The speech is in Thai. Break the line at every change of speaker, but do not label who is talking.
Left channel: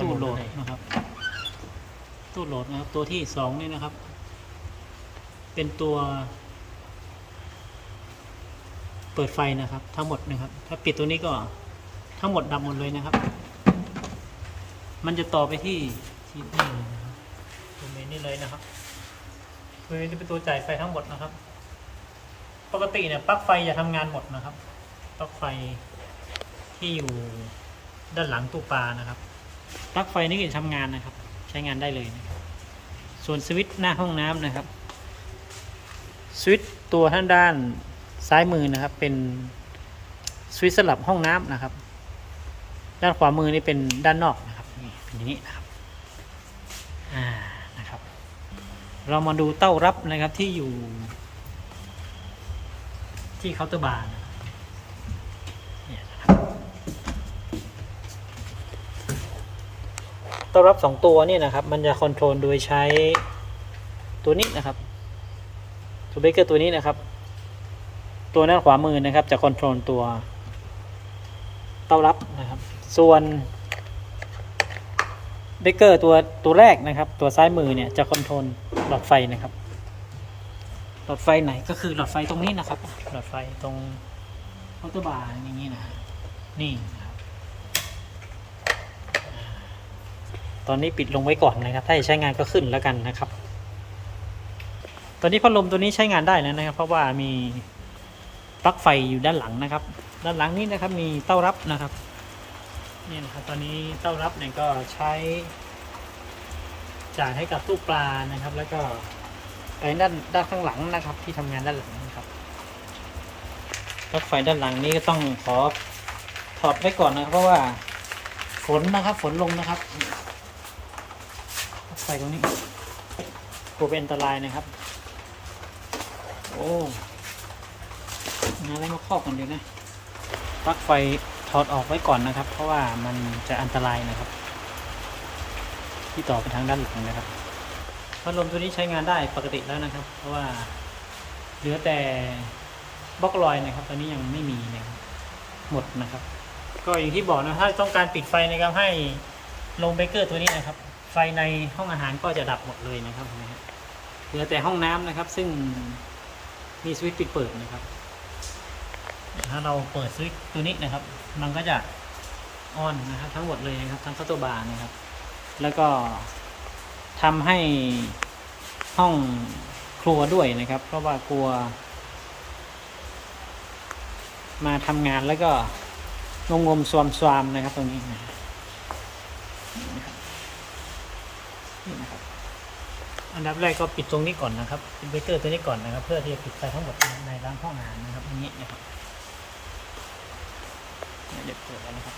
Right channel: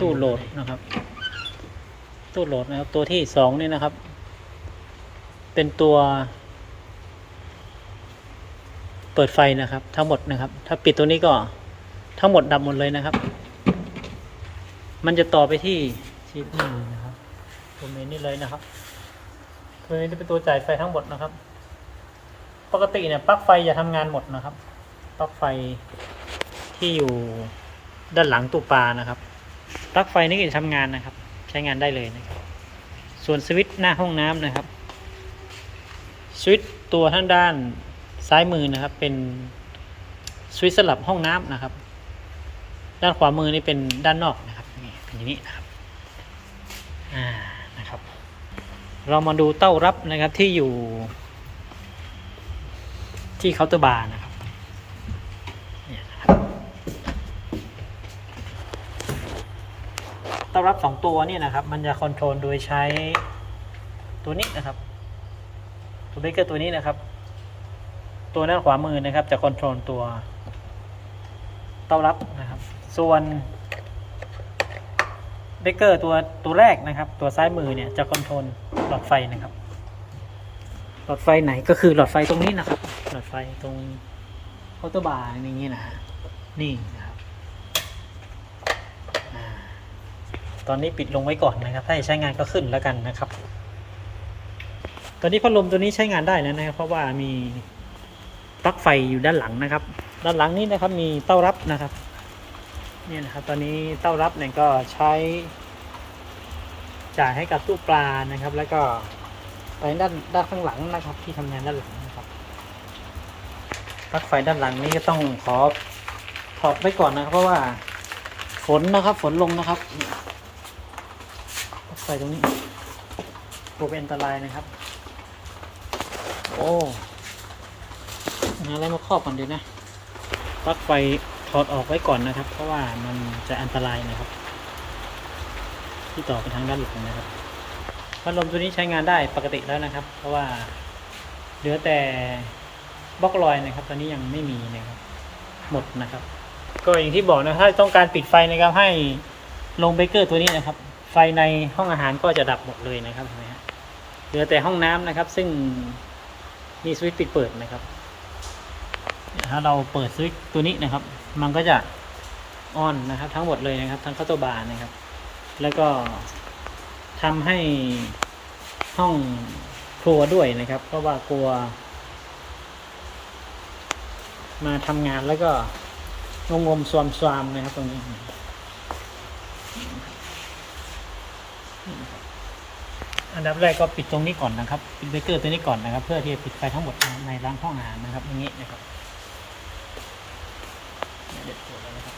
ตู้โหลดนะครับ ตู้โหลดนะครับ ตัวที่สองนี่นะครับ เป็นตัว เปิดไฟนะครับ ทั้งหมดนะครับ ถ้าปิดตัวนี้ก็ทั้งหมดดับหมดเลยนะครับ มันจะต่อไปที่ที่นี่นะครับตัวเมนนี่เลยนะครับตัวนี้จะเป็นตัวจ่ายไฟทั้งหมดนะครับ ปกติเนี่ยปลั๊กไฟจะทำงานหมดนะครับ ปลั๊กไฟที่อยู่ด้านหลังตู้ปลานะครับ ปลั๊กไฟนี่ก็จะทำงานนะครับ ใช้งานได้เลยนะครับ ส่วนสวิตช์หน้าห้องน้ำนะครับ สวิตช์ตัวท่างด้านซ้ายมือนะครับ เป็นสวิตช์สลับห้องน้ำนะครับ ด้านขวามือนี่เป็นด้านนอกนะครับนี่เป็นอย่างนี้นะครับอ่านะครับ เรามาดูเต้ารับนะครับที่อยู่ที่เคาน์เตอร์บาร์นะครับเนี่ยนะครับ เต้ารับสองตัวนี่นะครับ มันจะคอนโทรลโดยใช้ตัวนี้นะครับตัวเบเกอร์ตัวนี้นะครับ ตัวด้านขวามือนะครับ จะคอนโทรลตัวเต้ารับนะครับ ส่วนเบเกอร์ตัวตัวแรกนะครับ ตัวซ้ายมือเนี่ยจะคอนโทรลหลอดไฟนะครับ หลอดไฟไหนก็คือหลอดไฟตรงนี้นะครับ หลอดไฟตรงเคาน์เตอร์บาร์อย่างนี้นะนี่นะครับอ่า ตอนนี้ปิดลงไว้ก่อนนะครับ ถ้าจะใช้งานก็ขึ้นแล้วกันนะครับ ตอนนี้พัดลมตัวนี้ใช้งานได้แล้วนะครับ เพราะว่ามีปลั๊กไฟอยู่ด้านหลังนะครับ ด้านหลังนี้นะครับมีเต้ารับนะครับนี่นะครับ ตอนนี้เต้ารับเนี่ยก็ใช้จ่ายให้กับตู้ปลานะครับ แล้วก็ไปด้านด้านข้างหลังนะครับ ที่ทำงานด้านหลังนะครับปลั๊กไฟด้านหลังนี้ก็ต้องขอถอดไว้ก่อนนะครับ เพราะว่าฝนนะครับ ฝนลงนะครับ ฟตรงนี้กลัวเป็นอันตรายนะครับ โอ้หาอะไรมาครอบกันดีนะปลั๊กไฟถอดออกไว้ก่อนนะครับ เพราะว่ามันจะอันตรายนะครับ ที่ต่อไปทางด้านหลังนะครับพัดลมตัวนี้ใช้งานได้ปกติแล้วนะครับ เพราะว่าเหลือแต่บล็อกลอยนะครับ ตอนนี้ยังไม่มีนะครับ หมดนะครับ ก็อย่างที่บอกนะถ้าต้องการปิดไฟนะครับให้ลงเบเกอร์ตัวนี้นะครับ ไฟในห้องอาหารก็จะดับหมดเลยนะครับเห็นไหมฮะเหลือแต่ห้องน้ำนะครับ ซึ่งมีสวิตช์ปิดเปิดนะครับ ถ้าเราเปิดสวิตช์ตัวนี้นะครับ มันก็จะออนนะครับ ทั้งหมดเลยนะครับ ทั้งเคาน์เตอร์บาร์นะครับ แล้วก็ทำให้ห้องครัวด้วยนะครับ เพราะว่ากลัว มาทำงานแล้วก็งงมๆสวมสวามนะครับตรงนี้ นี่นะครับอันดับแรกก็ปิดตรงนี้ก่อนนะครับ ปิดเบรกเกอร์ตัวนี้ก่อนนะครับ เพื่อที่จะปิดไฟทั้งหมดในร้านห้องอาหารนะครับอย่างนี้นะครับเดี๋ยเด็ดเปิดแล้วนะครับ